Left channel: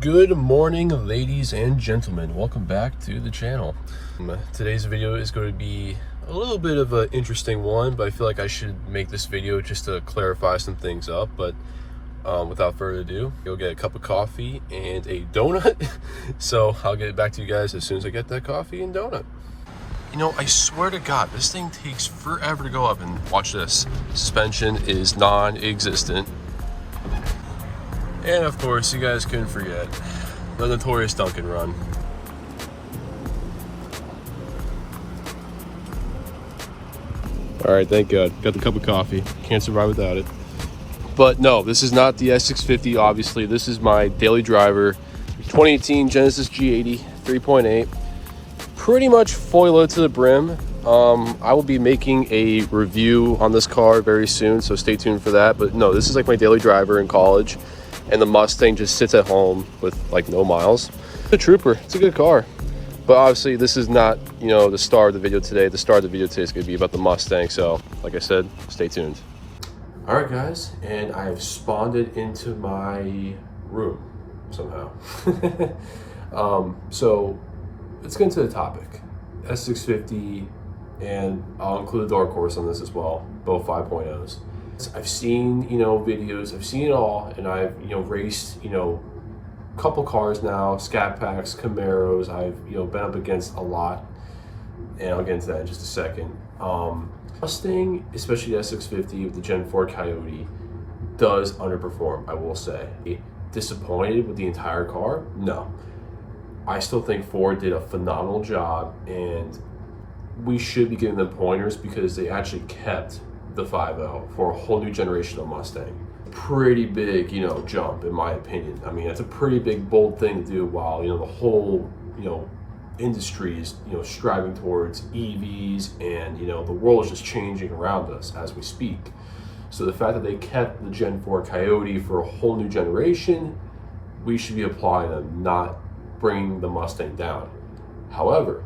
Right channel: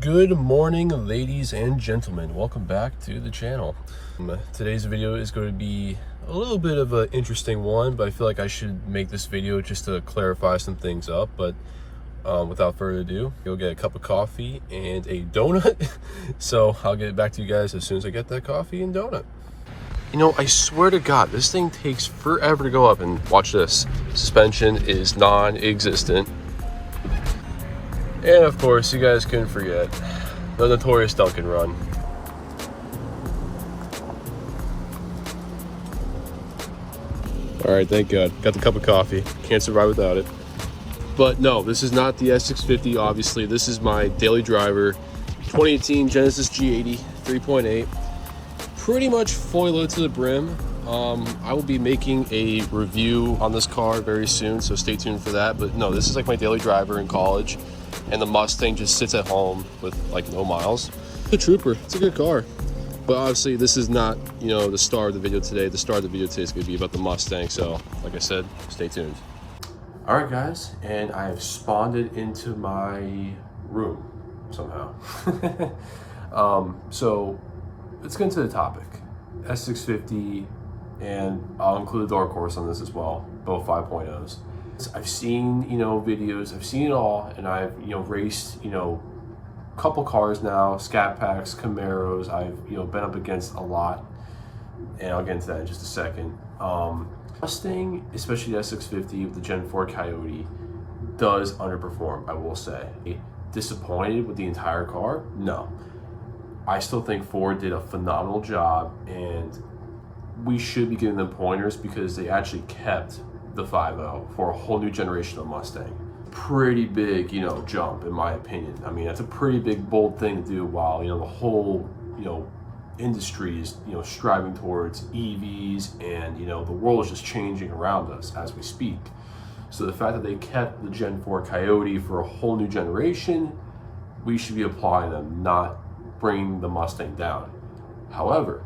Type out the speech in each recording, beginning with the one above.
Good morning, ladies and gentlemen. Welcome back to the channel. Today's video is going to be a little bit of an interesting one, but I feel like I should make this video just to clarify some things up. But without further ado, you'll get a cup of coffee and a donut. So I'll get back to you guys as soon as I get that coffee and donut. You know, I swear to God, this thing takes forever to go up, and watch this. Suspension is non-existent. And of course, you guys couldn't forget the notorious Dunkin' run. All right, thank God. Got the cup of coffee. Can't survive without it. But no, this is not the S650, obviously. This is my daily driver, 2018 Genesis G80 3.8. Pretty much fully loaded to the brim. I will be making a review on this car very soon, so stay tuned for that. But no, this is like my daily driver in college. And the Mustang just sits at home with like no miles. It's a trooper. It's a good car. But obviously this is not, you know, the star of the video today. The star of the video today is going to be about the Mustang. So like I said, stay tuned. All right, guys. And I have spawned it into my room somehow. So let's get into the topic. S650, and I'll include the dark horse on this as well. Both 5.0s. I've seen, you know, videos, I've seen it all, and I've, you know, raced, you know, a couple cars now, Scat Packs, Camaros. I've, you know, been up against a lot, and I'll get into that in just a second. Mustang, especially the S650 with the Gen 4 Coyote, does underperform, I will say. Disappointed with the entire car? No. I still think Ford did a phenomenal job, and we should be giving them pointers because they actually kept the 5.0 for a whole new generation of Mustang. Pretty big, you know, jump in my opinion. I mean, that's a pretty big, bold thing to do while, you know, the whole, you know, industry is, you know, striving towards EVs, and, you know, the world is just changing around us as we speak. So the fact that they kept the Gen 4 Coyote for a whole new generation, we should be applauding them, not bringing the Mustang down. However,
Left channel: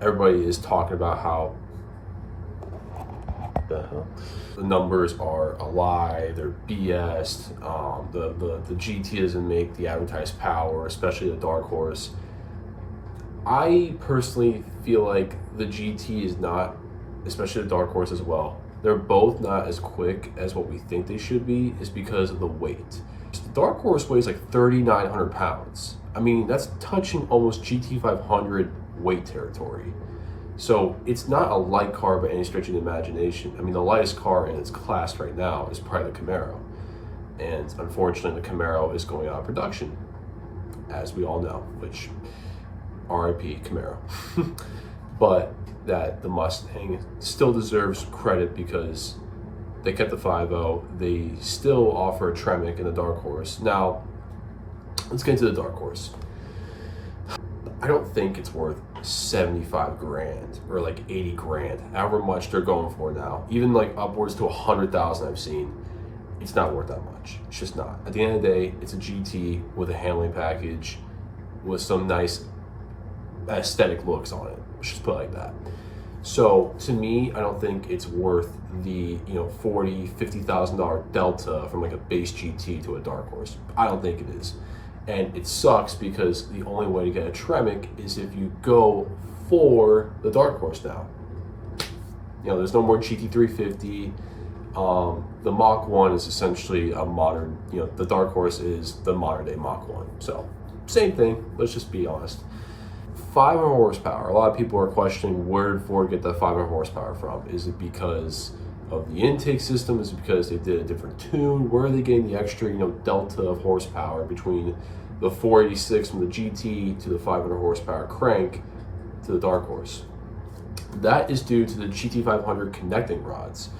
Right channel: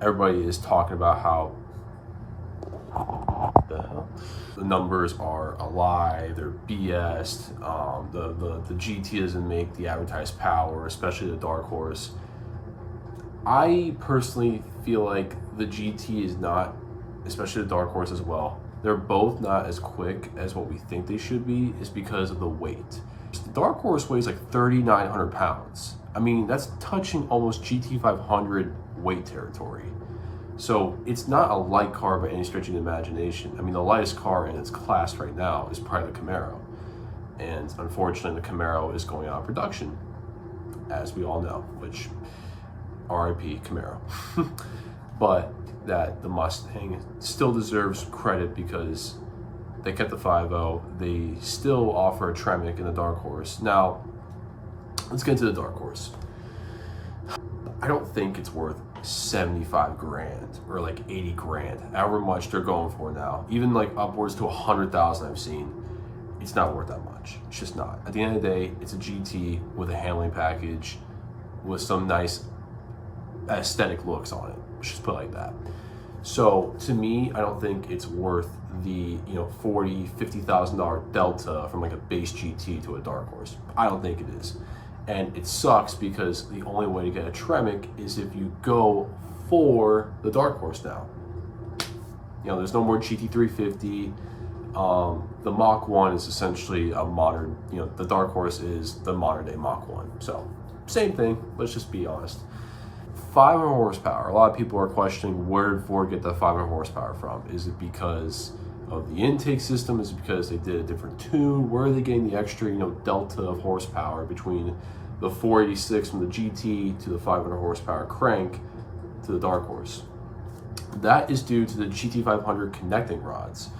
everybody is talking about how the numbers are a lie, they're BS. The GT doesn't make the advertised power, especially the dark horse. I personally feel like the GT is not, especially the dark horse as well, they're both not as quick as what we think they should be, is because of the weight. The dark horse weighs like 3,900 pounds. I mean, that's touching almost GT500 weight territory. So it's not a light car by any stretch of the imagination. I mean, the lightest car in its class right now is probably the Camaro. And unfortunately, the Camaro is going out of production, as we all know, which RIP Camaro. But that the Mustang still deserves credit because they kept the 5.0. They still offer a Tremec in the dark horse. Now, let's get into the dark horse. I don't think it's worth 75 grand or like 80 grand, however much they're going for now. Even like upwards to 100,000 I've seen. It's not worth that much. It's just not. At the end of the day, it's a GT with a handling package with some nice aesthetic looks on it. Let's just put it like that. So to me, I don't think it's worth the, you know, $40,000-$50,000 delta from like a base GT to a dark horse. I don't think it is. And it sucks because the only way to get a Tremec is if you go for the dark horse now. You know, there's no more GT350. The Mach 1 is essentially a modern, you know, the dark horse is the modern day Mach 1. So same thing, let's just be honest. 500 horsepower. A lot of people are questioning, where did Ford get that 500 horsepower from? Is it because of the intake system? Is it because they did a different tune? Where are they getting the extra, you know, delta of horsepower between the 486 from the GT to the 500 horsepower crank to the dark horse? That is due to the GT500 connecting rods.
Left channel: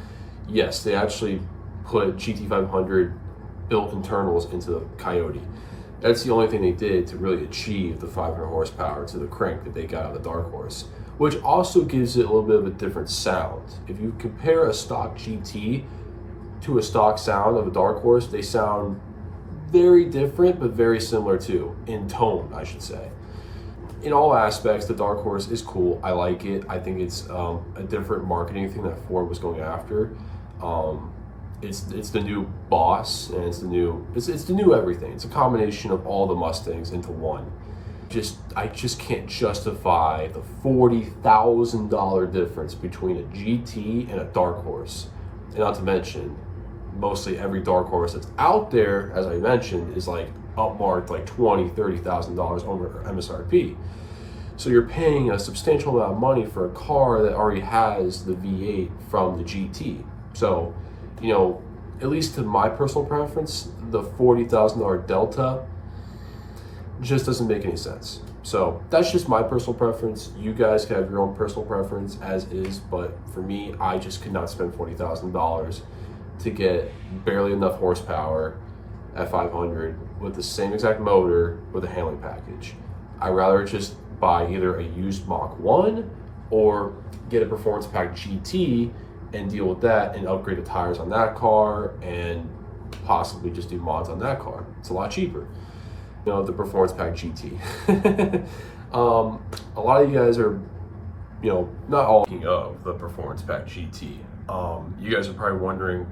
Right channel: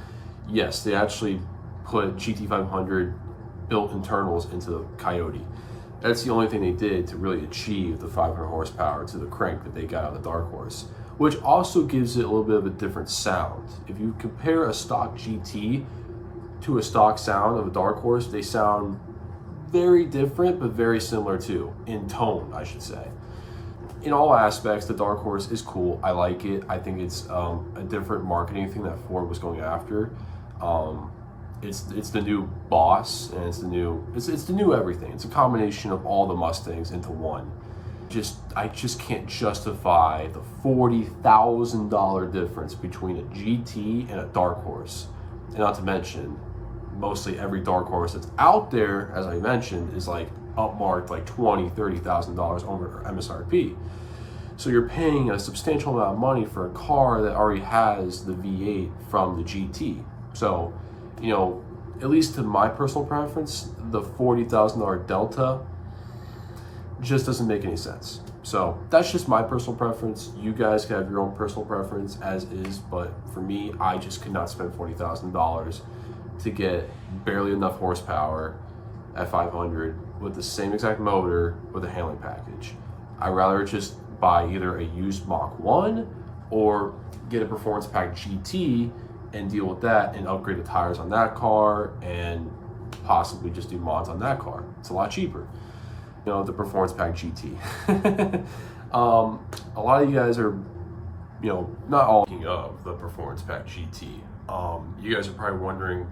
Yes, they actually put GT500 built internals into the Coyote. That's the only thing they did to really achieve the 500 horsepower to the crank that they got out of the dark horse, which also gives it a little bit of a different sound. If you compare a stock GT to a stock sound of a dark horse, they sound very different, but very similar too, in tone, I should say. In all aspects, the dark horse is cool. I like it. I think it's a different marketing thing that Ford was going after. it's the new boss, and it's the new everything. It's a combination of all the Mustangs into one. I just can't justify the $40,000 difference between a GT and a dark horse. And not to mention, mostly every dark horse that's out there, as I mentioned, is like upmarked like $20,000-$30,000 over MSRP. So you're paying a substantial amount of money for a car that already has the V8 from the GT. So, you know, at least to my personal preference, the $40,000 delta just doesn't make any sense. So that's just my personal preference. You guys can have your own personal preference as is, but for me, I just could not spend $40,000 to get barely enough horsepower at 500 with the same exact motor with a handling package. I'd rather just buy either a used Mach 1 or get a Performance Pack GT and deal with that and upgrade the tires on that car and possibly just do mods on that car. It's a lot cheaper. You know, the Performance Pack GT. A lot of you guys are, you know, not all of the Performance Pack GT. You guys are probably wondering,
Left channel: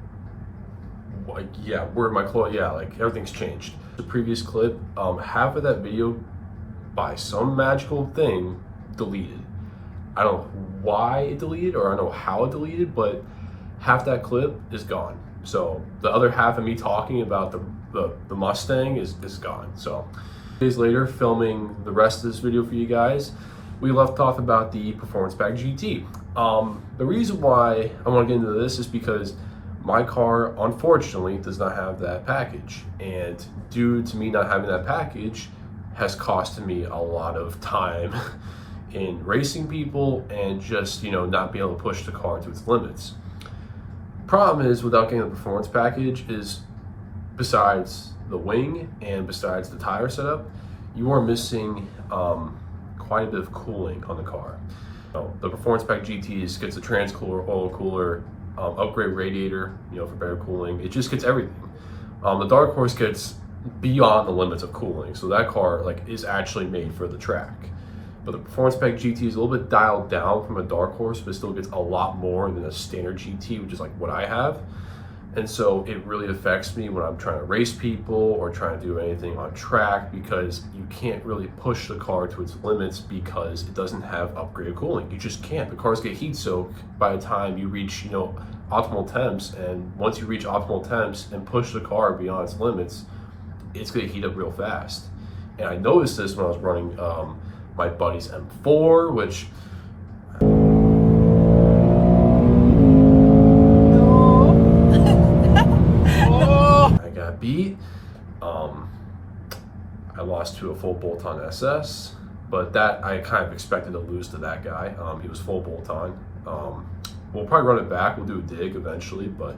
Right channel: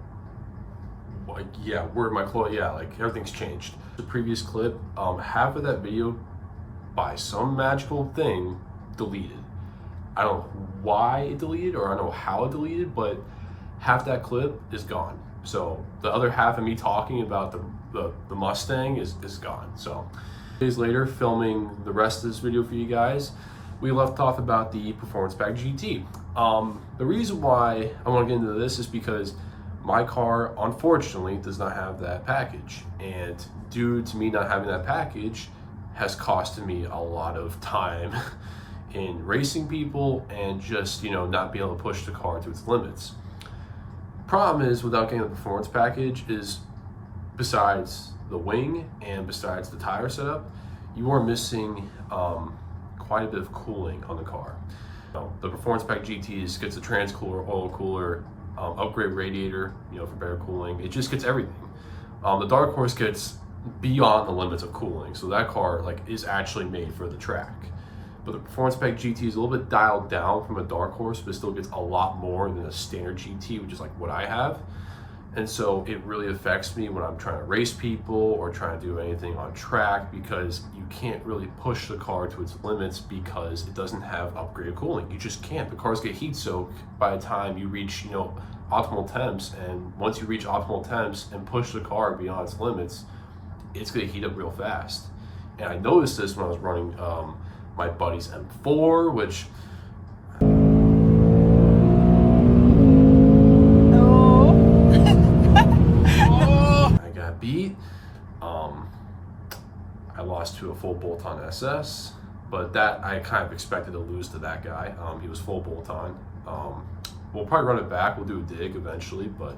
like, yeah, where my clothes? Yeah, like everything's changed. The previous clip, half of that video, by some magical thing, deleted. I don't know why it deleted, or I don't know how it deleted, but half that clip is gone. So the other half of me talking about the Mustang is gone. So days later, filming the rest of this video for you guys, we left off about the Performance Pack GT. The reason why I want to get into this is because my car, unfortunately, does not have that package. And due to me not having that package, has costed me a lot of time in racing people and just, you know, not being able to push the car to its limits. Problem is, without getting the performance package, is besides the wing and besides the tire setup, you are missing quite a bit of cooling on the car. The Performance Pack GTs gets a trans cooler, oil cooler, upgrade radiator, you know, for better cooling. It just gets everything. The Dark Horse gets beyond the limits of cooling, so that car like is actually made for the track. But the Performance Pack GT is a little bit dialed down from a Dark Horse, but it still gets a lot more than a standard GT, which is like what I have. And so it really affects me when I'm trying to race people or trying to do anything on track, because you can't really push the car to its limits because it doesn't have upgraded cooling. You just can't. The cars get heat soaked by the time you reach, you know, optimal temps. And once you reach optimal temps and push the car beyond its limits, it's gonna heat up real fast. And I noticed this when I was running my buddy's M4, which I got beat. I lost to a full bolt-on SS, but that I kind of expected to lose to that guy. He was full bolt-on. We'll probably run it back. We'll do a dig eventually, but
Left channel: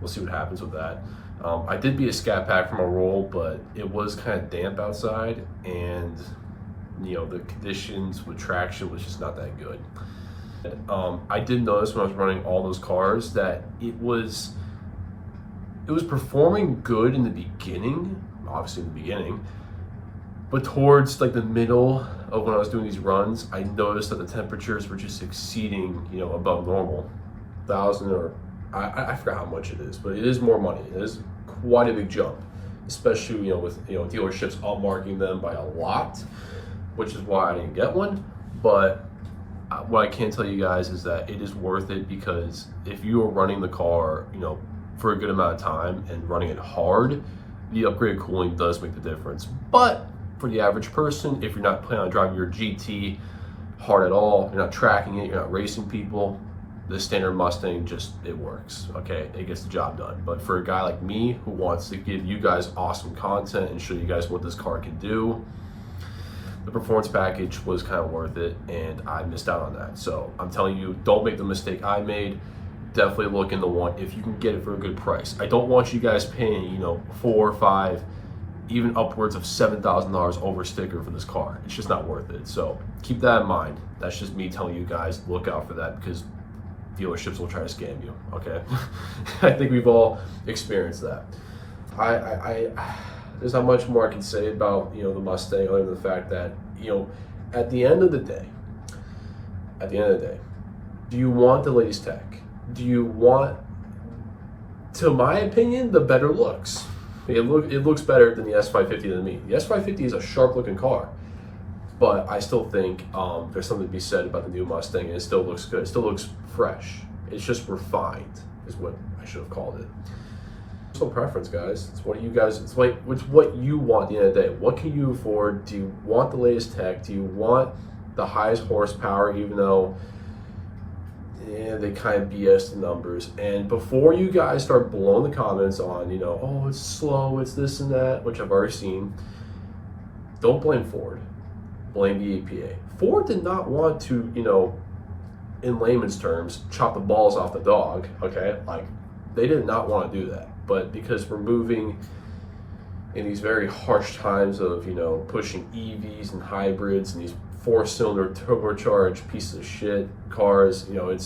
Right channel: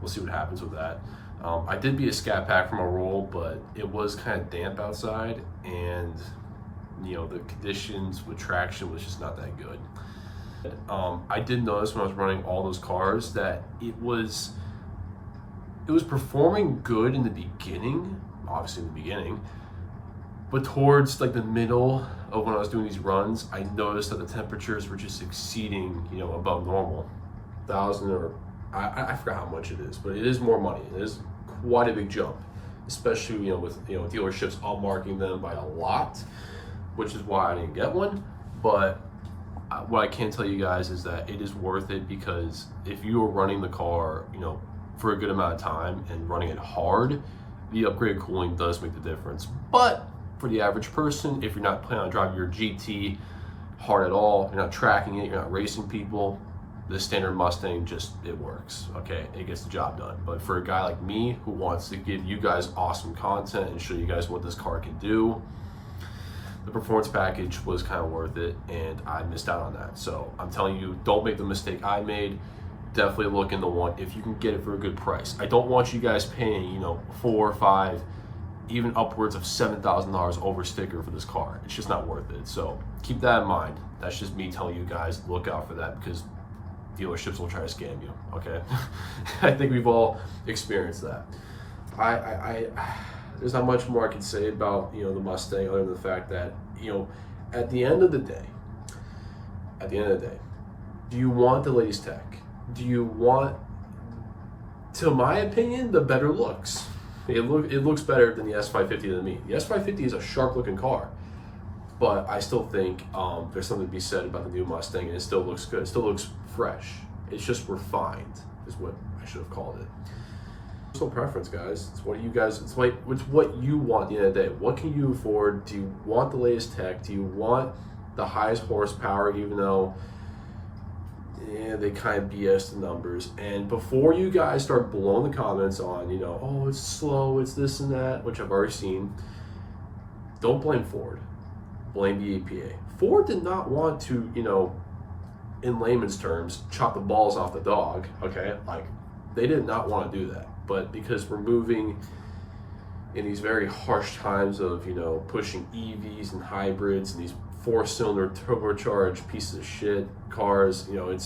we'll see what happens with that. I did beat a scat pack from a roll, but it was kind of damp outside, and you know, the conditions with traction was just not that good. I did notice when I was running all those cars that it was performing good in the beginning, obviously in the beginning, but towards like the middle of when I was doing these runs, I noticed that the temperatures were just exceeding, you know, above normal. 1,000 or I forgot how much it is, but it is more money. It is quite a big jump, especially, you know, with, you know, dealerships upmarking them by a lot, which is why I didn't get one. But what I can tell you guys is that it is worth it, because if you are running the car, you know, for a good amount of time and running it hard, the upgraded cooling does make the difference. But for the average person, if you're not planning on driving your GT hard at all, you're not tracking it, you're not racing people, the standard Mustang just, it works, okay? It gets the job done. But for a guy like me who wants to give you guys awesome content and show you guys what this car can do, the performance package was kind of worth it, and I missed out on that. So I'm telling you, don't make the mistake I made. Definitely look into one if you can get it for a good price. I don't want you guys paying, you know, $4,000 or $5,000, even upwards of $7,000 over sticker for this car. It's just not worth it. So keep that in mind. That's just me telling you guys, look out for that, because dealerships will try to scam you, okay? I think we've all experienced that. There's not much more I can say about, you know, the Mustang, other than the fact that, you know, at the end of the day, do you want the latest tech? Do you want to my opinion, the better looks. It looks better than the S550 to me. The S550 is a sharp looking car, but I still think there's something to be said about the new Mustang, and it still looks good. It still looks fresh. It's just refined, is what I should have called it. Personal preference, guys. It's what you guys. It's what you want at the end of the day. What can you afford? Do you want the latest tech? Do you want the highest horsepower? Even though, yeah, they kind of BS the numbers. And before you guys start blowing the comments on, you know, oh, it's slow, it's this and that, which I've already seen. Don't blame Ford. Blame the EPA. Ford did not want to, you know, in layman's terms, chop the balls off the dog. Okay, like they did not want to do that. But because we're moving in these very harsh times of, you know, pushing EVs and hybrids and these 4-cylinder turbocharged pieces of shit cars, you know,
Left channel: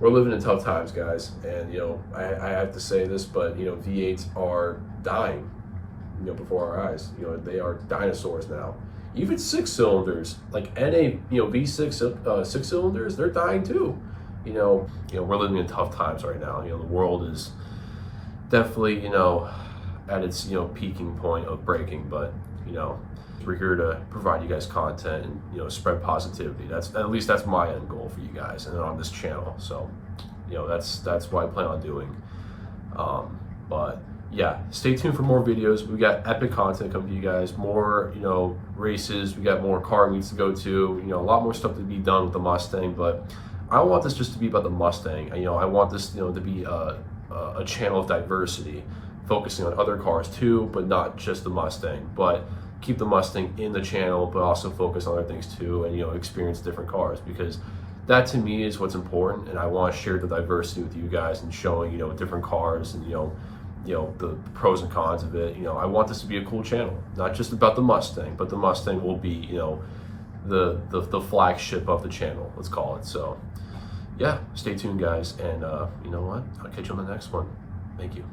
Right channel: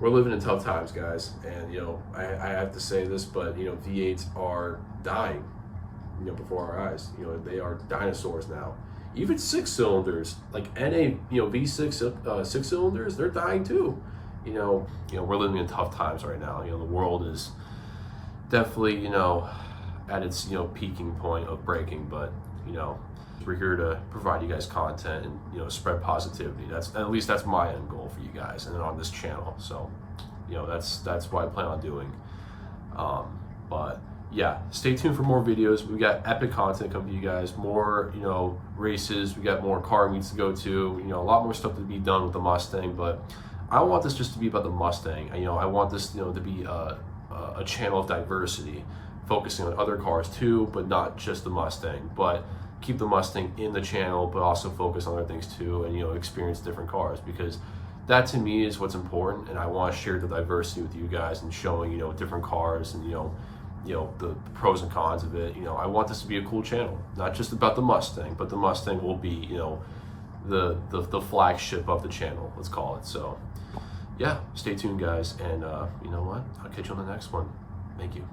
we're living in tough times, guys. And, you know, I have to say this, but, you know, V8s are dying, you know, before our eyes. You know, they are dinosaurs now. Even 6-cylinders, like NA, you know, V6 6-cylinders, they're dying too. You know, we're living in tough times right now. You know, the world is definitely, you know, at its, you know, peaking point of breaking, but, you know, we're here to provide you guys content and, you know, spread positivity. That's, at least that's my end goal for you guys and on this channel. So, you know, that's what I plan on doing. But yeah, stay tuned for more videos. We got epic content coming to you guys, more, you know, races. We got more car meets to go to, you know, a lot more stuff to be done with the Mustang, but I don't want this just to be about the Mustang. You know, I want this, you know, to be a channel of diversity, focusing on other cars too, but not just the Mustang. But keep the Mustang in the channel, but also focus on other things too, and, you know, experience different cars, because that to me is what's important. And I want to share the diversity with you guys and showing, you know, different cars and, you know, the pros and cons of it. You know, I want this to be a cool channel, not just about the Mustang, but the Mustang will be, you know, the flagship of the channel, let's call it. So yeah, stay tuned, guys, and you know what, I'll catch you on the next one. Thank you.